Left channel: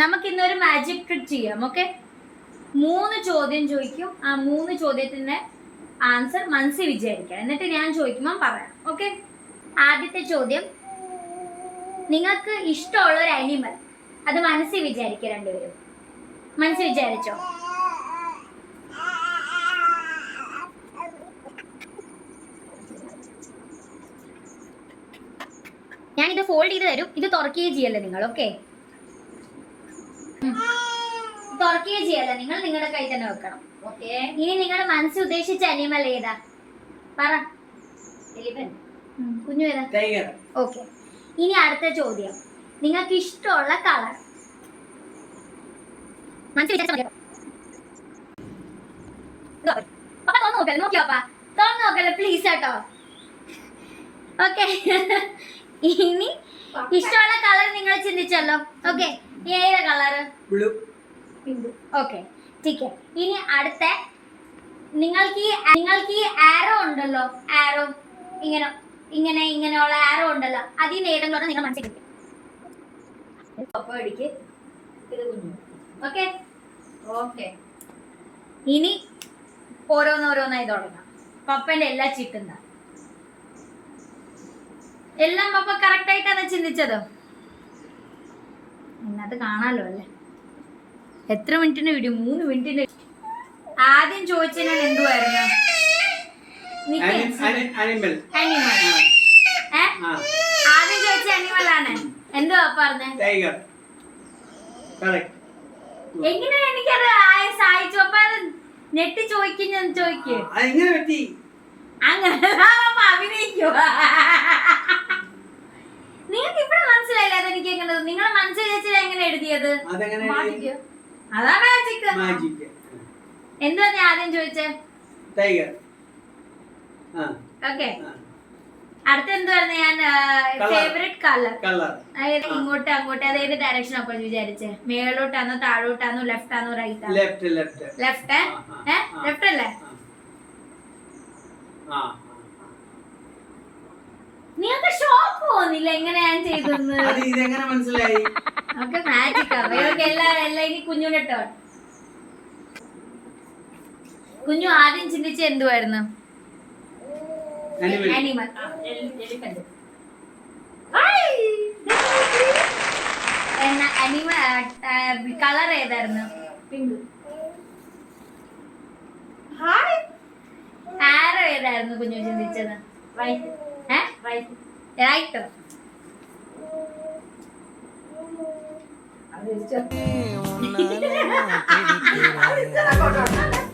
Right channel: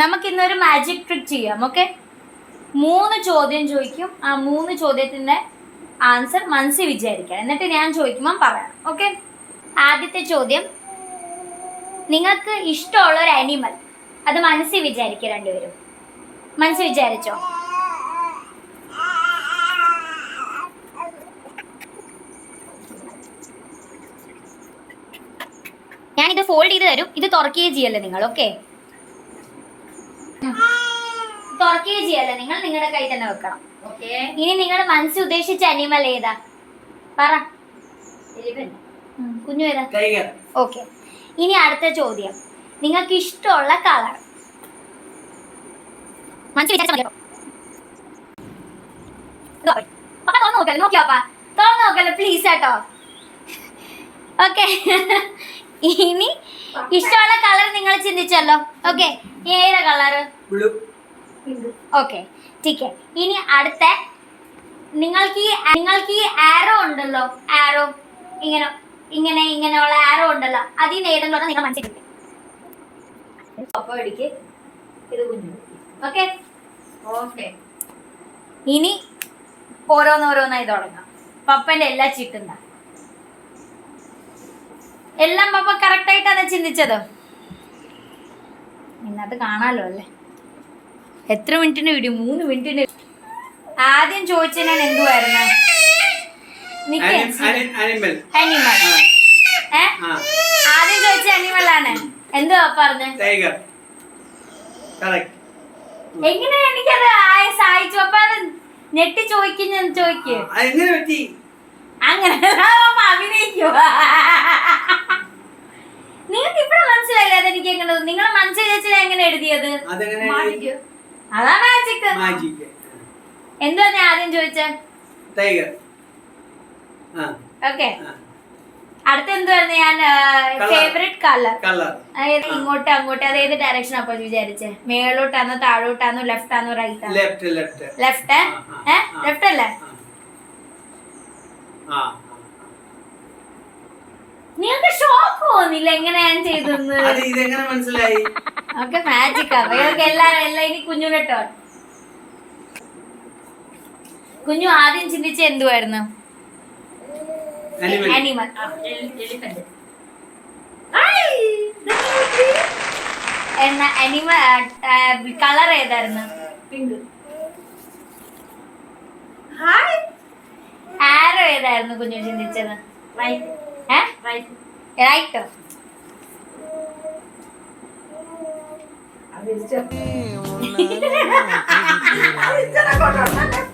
നമുക്ക് ഇന്നൊരു magic trick ചെയ്യാം ഓക്കെ മൂന്ന് ചോദ്യം ചോദിക്കും. ആ മൂന്ന് ചോദ്യത്തിന്റെ ആൻസർ മനസ്സിൽ വിചാരിക്കാം. എന്നിട്ട് ഞാൻ ചോദിക്കുമ്പോൾ പറയാം ഓക്കെ ആദ്യത്തെ ചോദ്യം നിങ്ങൾക്ക് ഇഷ്ടമുള്ള ഒരു അനിമൽ അത് മനസ്സിൽ വിചാരിക്കുക രണ്ടുപേരും. മനസ്സിൽ വിചാരിച്ചോ? ഞാനിത് ഫോൾഡ് ചെയ്ത് തരും. ഇത് തുറക്കുകയും ചെയ്യല്ലേ നിങ്ങൾ ഓക്കെ തുറക്കുകയും ചെയ്യല്ല? നിങ്ങൾ നിങ്ങളുടെ കൈ തന്നെ വെക്കണം. ഇനി നിങ്ങൾ മനസ്സിൽ ഉദ്ദേശിച്ച അനിമൽ ഏതാ? പറ. കുഞ്ഞു ഏതാ? ഓക്കെ ഇനി അടുത്ത ചോദ്യം. നിങ്ങൾക്ക് ഇഷ്ടമുള്ള കളർ മനസ്സിൽ തുറന്ന് നോക്കല്ലേ തുറന്ന് നോക്കല്ലേ പ്ലീസ് കേട്ടോ ഓക്കെ ഇനി ഇഷ്ടമുള്ള കളർ നിങ്ങൾ ചിന്തിച്ചല്ലോ. ഓക്കെ ഏതാ കളർ ബ്ലൂ ഓക്കെ ടീക്കെ. ഇനി അടുത്ത നിങ്ങൾക്ക് ഈ നിങ്ങൾക്ക് ഈ ആരോ ഉണ്ടല്ലോ. ആരോ ഇങ്ങനെ ഇങ്ങനെ ഇങ്ങനെയുള്ള ആരോ ഉണ്ടല്ലോ. അതിൽ ഏതെങ്കിലും നിങ്ങൾ കുഞ്ഞു ഓക്കെ ഓക്കെ ഇനി ഓരോന്നോരോന്നായി തുടങ്ങാം. പപ്പന്റെ എല്ലാ ചിട്ടുന്ന എല്ലാം പപ്പ കറക്റ്റ് ആയിട്ടാണ് ചിന്തിച്ചത്. ഇന്നത് കാണാലോ അല്ലേ? എത്ര മിനിറ്റിന്റെ വീഡിയോ മൂന്ന് മിനിറ്റിന്റെ ആദ്യം എന്തുവായിരുന്നു അനിമൽ ഏ? ആ. ആദ്യം ചോദിച്ച അനിമൽ ആണ്. എന്തുവാ പറഞ്ഞ? ടൈഗർ എങ്ങനെ എനിക്കത് സഹായിച്ചു അപ്പൊ അത് ഞെട്ടി ചോദിക്കും. ഞാൻ ചോദിക്കേ അതെങ്ങനെ പറ്റി? അങ്ങനെ നിങ്ങൾക്ക് ഇപ്പഴും മനസ്സിലായില്ല അതെനിക്ക് എങ്ങനെ നിങ്ങളെ മനസ്സിൽ വെച്ചാൽ എങ്ങനെ എഴുതിയത്? അതാ മാജിക് മാജിക് എന്തുവാ ഞാൻ ആദ്യം ചോദിച്ചേ? ടൈഗർ ആ. ഓക്കെ അടുത്ത എന്തുവായിരുന്നു ഞാൻ. ഫേവറേറ്റ് കളർ കളർ അതായത് ഇങ്ങോട്ട് അങ്ങോട്ട് അത് ഏത് ഡയറക്ഷൻ അപ്പൊ വിചാരിച്ചേ? മേളോട്ടാണോ താഴോട്ടാണോ ലെഫ്റ്റ് ആണോ right left left left. Left അല്ലേ? നിങ്ങൾക്ക് ഷോക്ക് തോന്നില്ല എങ്ങനെ ഞാൻ ചെയ്തെന്ന് ഇതെങ്ങനെ മനസ്സിലായി? ഒക്കെ മാജിക് അവയൊക്കെ എല്ലാം എല്ലാം ഇനി കുഞ്ഞുണ്ടോ കുഞ്ഞു ആദ്യം ചിന്തിച്ച എന്തുവായിരുന്നു? എലിഫന്റ് എന്ന അനിമൽ കളർ ഏതായിരുന്നു? പിങ്ക് ആരോ ഏതായിരുന്നു കുഞ്ഞു ചിന്തിച്ചത്? റൈറ്റ് റൈറ്റ് റൈറ്റോ അത്